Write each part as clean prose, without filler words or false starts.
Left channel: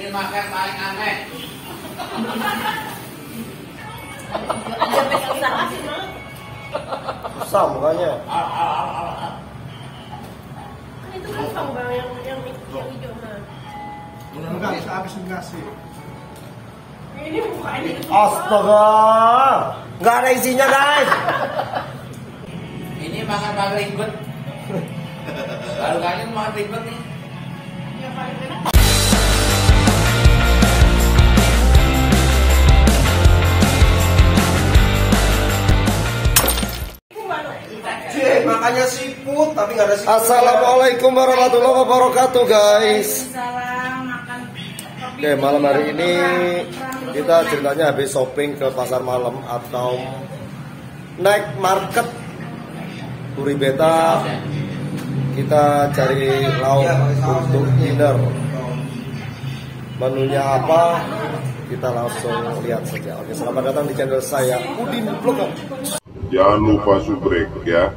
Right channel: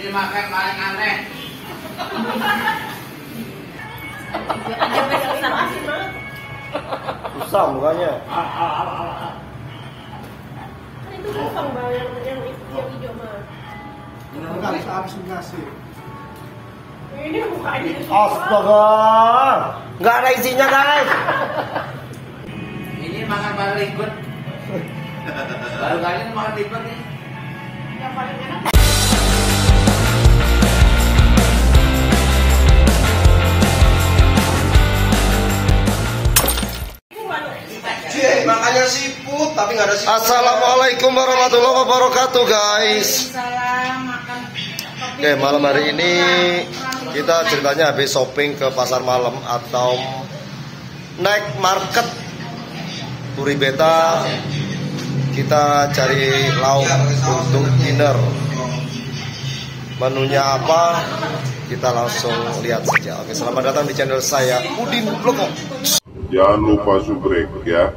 Ini makan paling aneh. Susah mukanya. Itu kosong bang yang hijau mah. Enggak bisa habis ngasih. Ini mukanya. Astaga, nggak ada isinya guys. Ini makan paling ribet. Baru kali ini makan ribet nih. Yang paling enak. Makanya siput tapi nggak ada siput. Assalamualaikum warahmatullahi wabarakatuh guys. Oke, malam hari ini kita ceritanya habis shopping ke pasar malam atau night market Puri Beta. Kita cari lauk untuk dinner. Menunya apa? Kita langsung lihat saja. Oke, selamat datang di channel saya Udin Bloko. Jangan lupa subrek ya.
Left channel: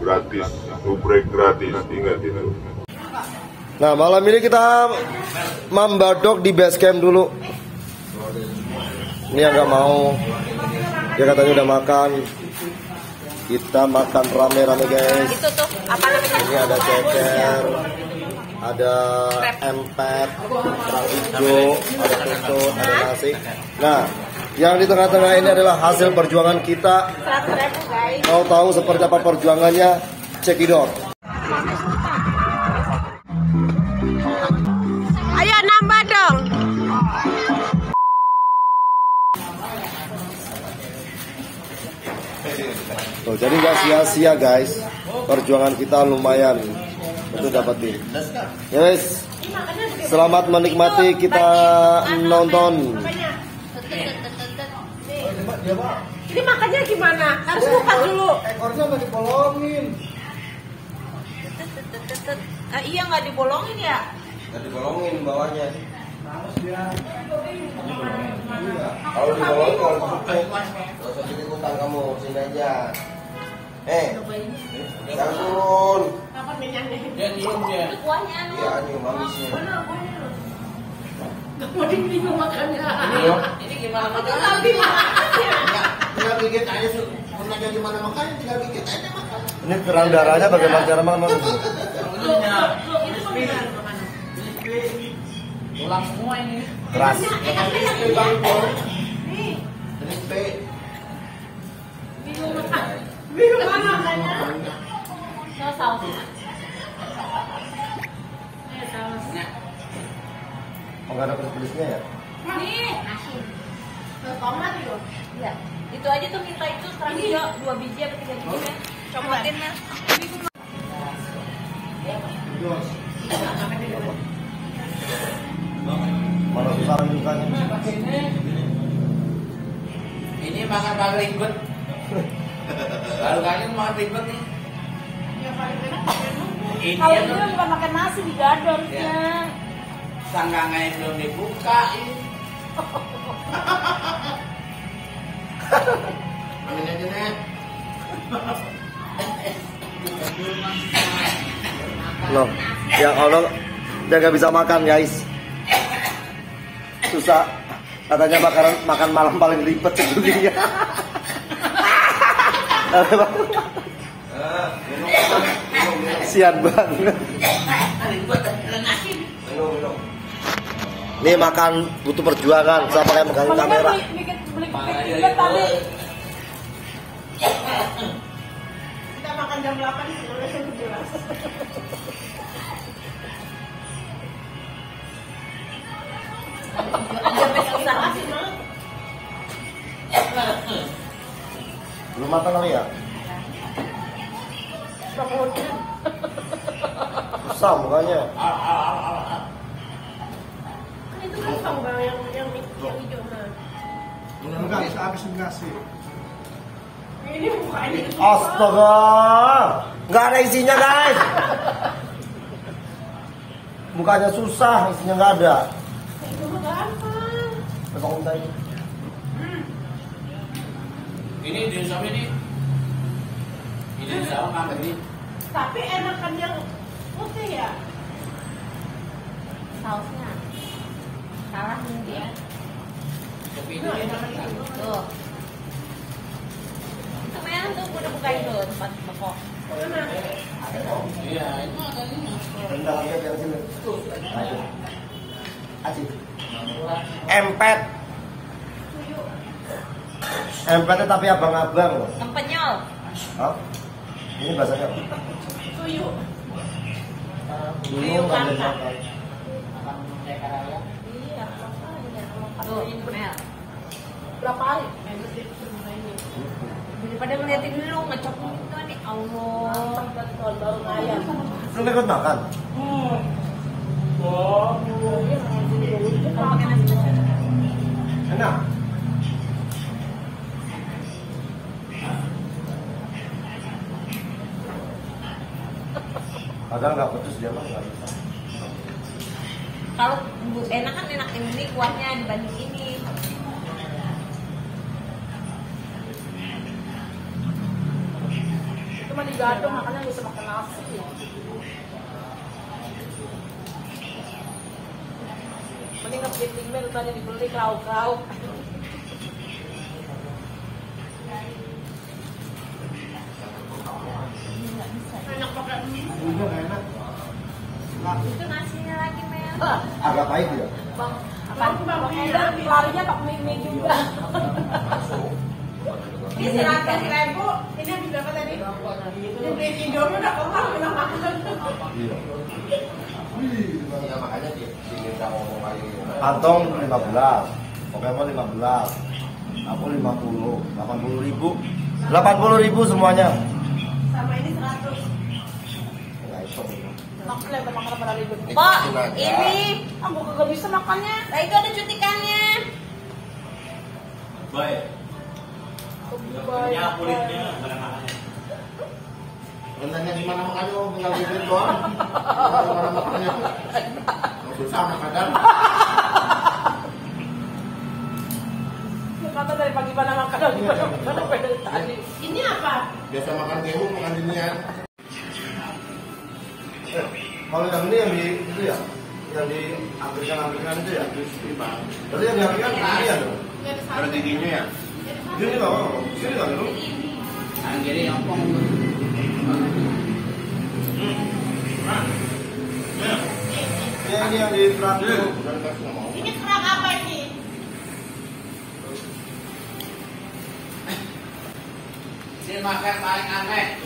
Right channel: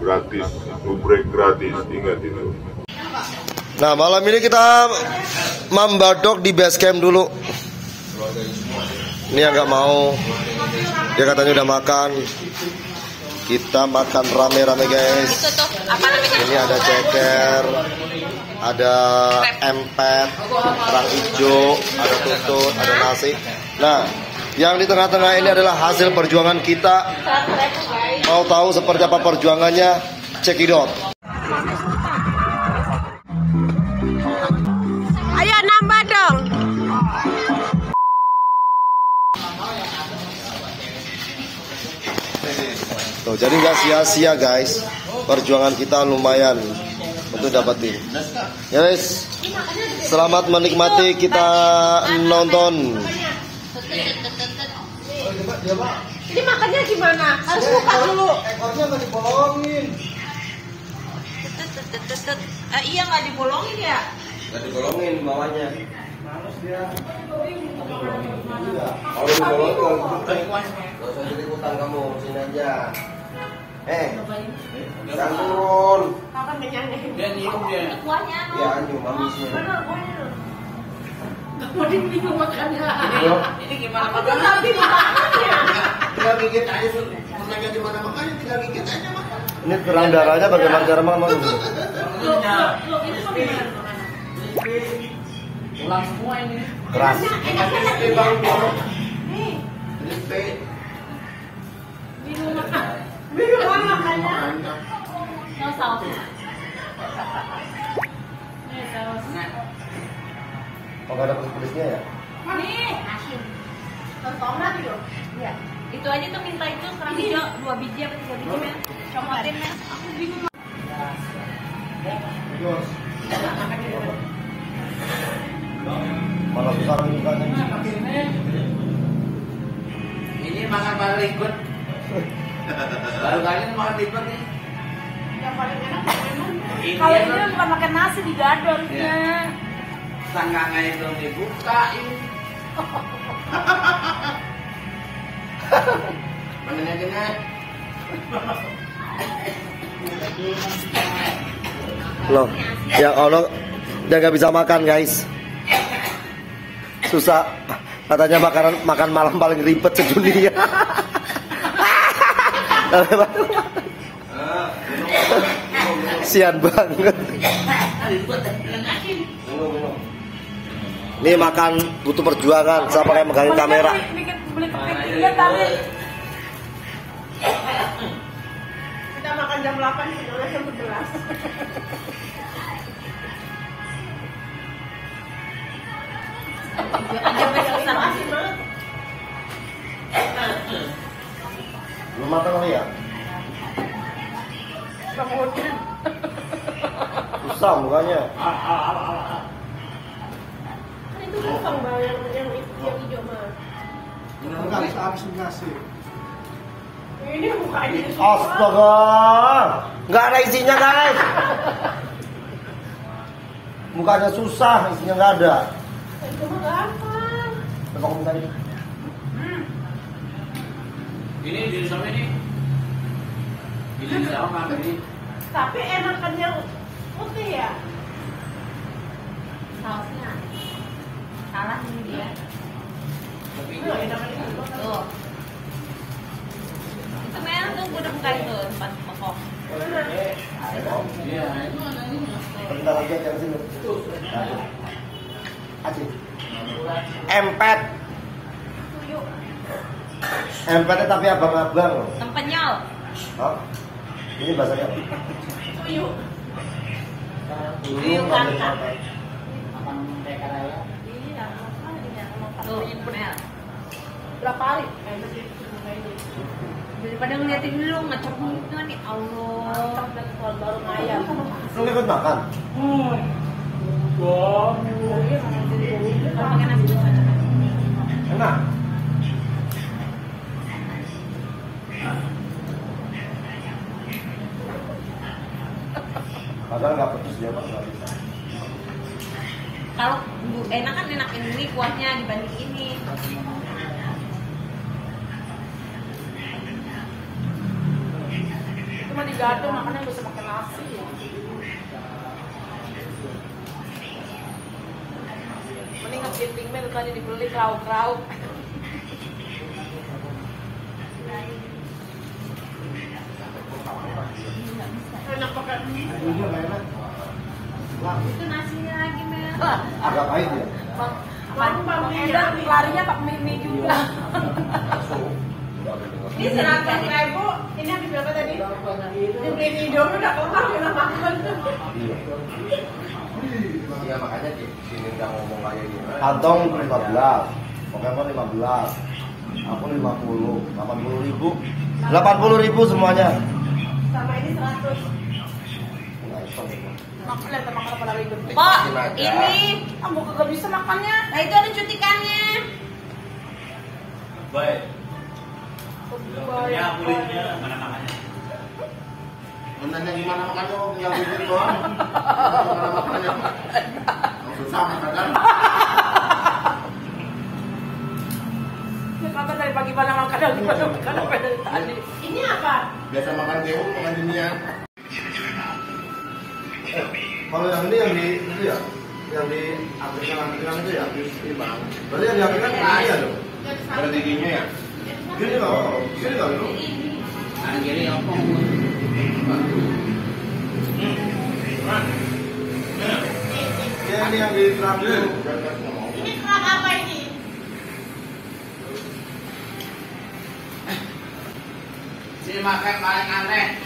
Gratis, subrek gratis, ingat itu. Nah, malam ini kita membadok di base camp dulu. Ini yang nggak mau, dia katanya udah makan. Kita makan rame-rame guys. Ini ada ceker, ada empet, kerang hijau, ada tutut, ada nasi. Nah, yang di tengah-tengah ini adalah hasil perjuangan kita. Mau tahu seperti apa perjuangannya? Cekidot. Ayo nambah dong. Tuh, jadi nggak sia-sia guys. Perjuangan kita lumayan untuk dapetin. Ya guys, selamat menikmati kita nonton. Ini makannya gimana? Harus buka dulu. Ekornya nggak dibolongin. Iya nggak dibolongin ya? Nggak dibolongin bawahnya. Males dia. Kalau dibolongin kalau nggak usah ikut-ikutan kamu sini aja. Jangan. Kapan kenyangnya? Dia diem dia. Itu kuahnya. Ya ini bagusnya. Gak mau bingung makannya. Ini gimana makan? Tapi makannya. Tinggal gigit aja sih. Tenaga di mana makan tinggal gigit aja makan. Ini kerang darahnya bagaimana cara makan itu? Pulang semua ini. Keras. Bingung makan. Bingung makannya. Nggak saus. Oh, nggak ada pedes-pedesnya ya? Nih. Tomat itu. Iya. Itu aja tuh minta itu sekarang hijau 2 biji atau 3 biji ya. Cobain mas. Mana susah mukanya? Ini makan paling ribet. Baru kali ini makan ribet nih. Yang paling enak Kalau ini bukan makan nasi digadornya. Sangkangnya itu dibukain. Mananya naik. Loh, yang Allah dia nggak bisa makan guys. Susah. Katanya makan malam paling ribet sedunia. Sian banget. Ini makan butuh perjuangan. Siapa yang megang kamera? Lihat tadi. Kita makan jam 8 sebelum jam 11. Belum matang kali ya? Susah mukanya. Itu kosong bang yang hijau mah. Enggak bisa habis ngasih. Ini mukanya. Astaga, nggak ada isinya guys. Mukanya susah, isinya nggak ada. Itu mah gampang. Coba minta ini. Ini di sama ini. Ini sama ini. Tapi enakan yang putih ya. Sausnya. Tuh. Kemarin tuh udah buka itu tempat pokok. Iya, itu ada ini. Bentar lagi aja sini. Aduh. Aji. Empet. Empetnya tapi abang-abang loh. Empenyol. Oh. Ini bahasanya apa? Tuyul. Dulu ngambil makan. Iya, tuh, Mel. Berapa hari? Daripada ngeliatin lu ngecok muka nih, Allah. Baru ngayam. Lu ikut makan? Enak. Padahal nggak pedes dia mah nggak bisa. Kalau enak kan enak ini kuahnya dibanding ini. Cuma digadung makanya bisa makan nasi. Mending ngepiting mie tadi dibeli krauk-krauk. Enak pakai mie. Iya nggak enak. Itu nasinya lagi Mel. Agak pahit ya. Bang Edan larinya pakai mie juga. Ini 100.000. Ini habis berapa tadi? Dibeli di Indomie udah keluar udah makan. Iya. Ya makanya sini udah ngomong kayak gini. Kantong 15, Pokemon 15, aku 50, 80.000, 80.000 semuanya. Sama ini 100. Nggak hitung itu. Makan ya makan pada ribet. Kok ini aku kagak bisa makannya. Nah itu ada cutikannya. Baik. Baik. Ya, kulitnya mana namanya? Nanya gimana makannya, oh tinggal gitu doang. Gimana makannya? Susah makan. Ya kata dari pagi pada makan gimana makan apa dari tadi. Ini apa? Biasa makan jamu, makan ginian. Kalau yang ini yang di itu ya, yang di Amerika itu ya. Ini bang. Berarti yang di Amerika ini ya dong. Ada giginya ya? Gini loh, gini loh dulu. Nah, jadi ngomong. Ini yang di Prabu. Ini kerak apa ini? Sini makan paling aneh.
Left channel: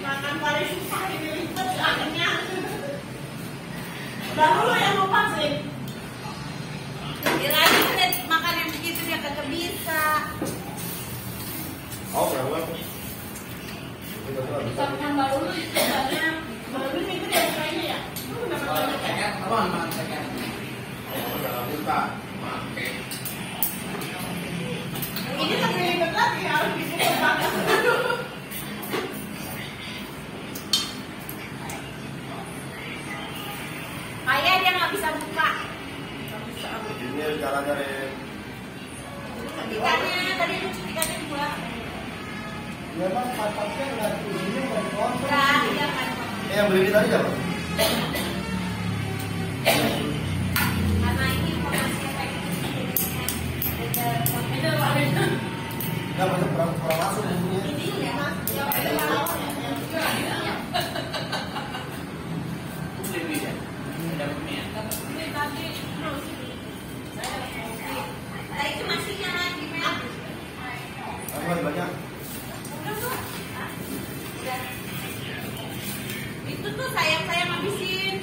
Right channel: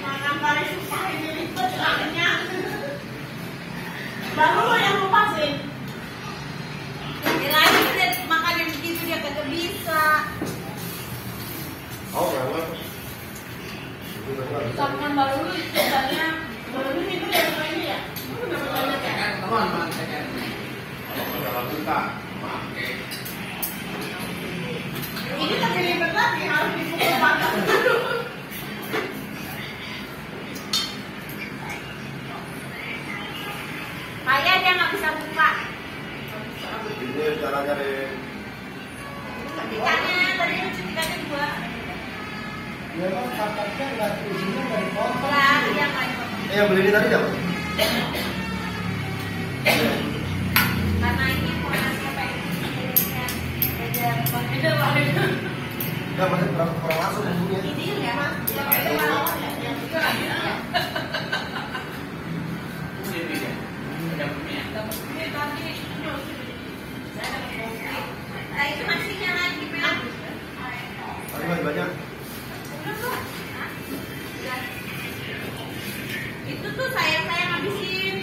Makan paling susah ini ribet soalnya. Baru lo yang lupa sih. Kirain dia makan yang begitu dia kagak bisa. Oh, enggak. Makan baru lu sebenarnya baru lu itu dia ini ya. Lu udah banyak ya. Teman makan tekan. Kalau kita pakai. Ini lagi ribet lagi harus dipukul makan dulu. Kayak dia nggak bisa buka. Ini caranya deh. Cutikannya tadi itu cutikannya dibuat. Ya bang, kapaknya nggak ujungnya nggak dipotong. Ya, dia kan. Yang beli ini tadi siapa? Karena ini informasi apa ini? Beda warna. Nggak masih kurang masuk bumbunya. Ini ya, Mas. Yang beda warna yang juga. Ini tadi. Saya dapat kopi. Nah, itu nasinya lagi, Mel. Tadi masih banyak. Itu tuh sayang-sayang habisin.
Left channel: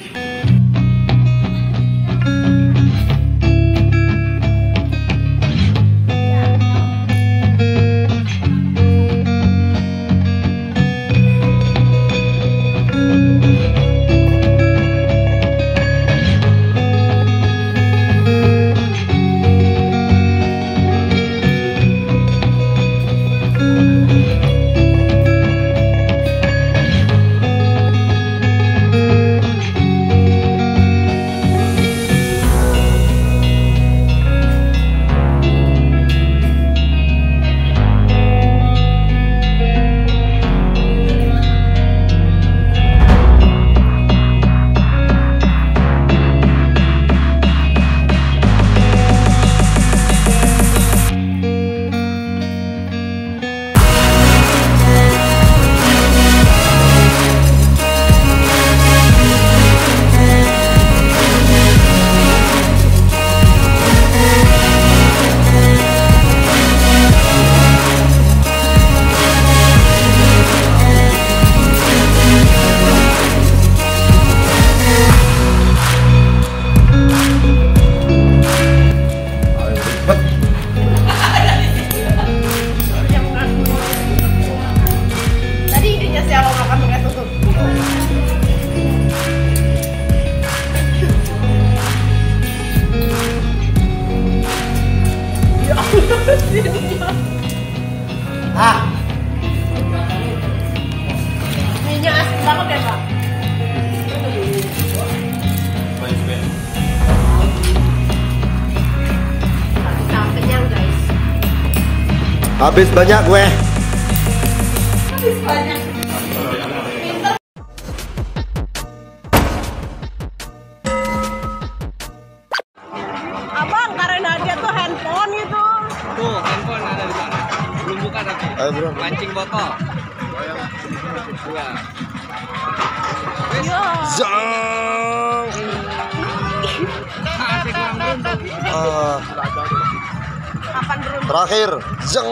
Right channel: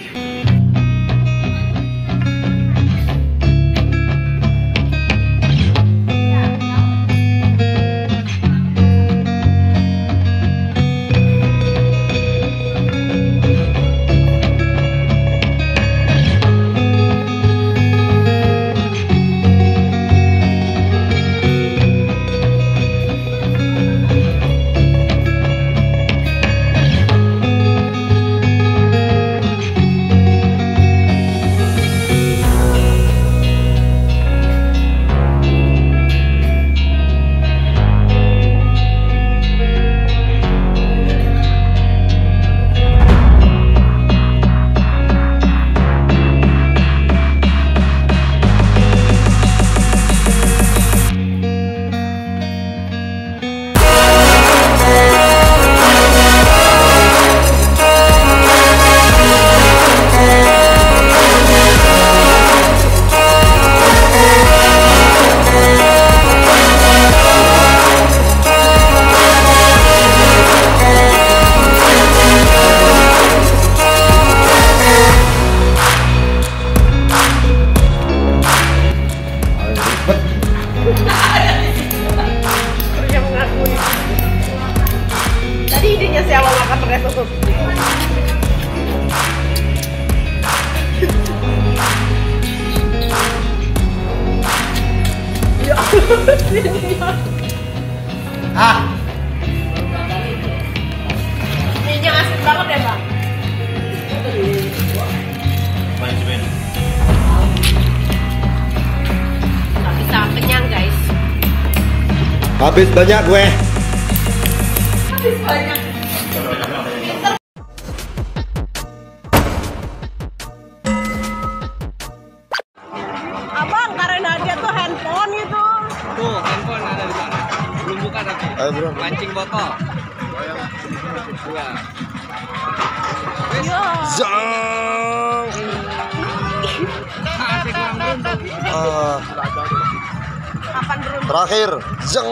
Ininya sih kalau makan pakai susu. Ah, Ininya asin banget ya bang. Bisa kenyang guys. habis banyak gue. Habis banyak. Pinter. Abang, karena dia tuh handphone itu. Tuh, handphone ada di sana. Belum buka tapi. Ayo bro. Pancing botol. Dua. Yo. Zang. Asik kurang beruntung. Kapan beruntung? Terakhir. Zang.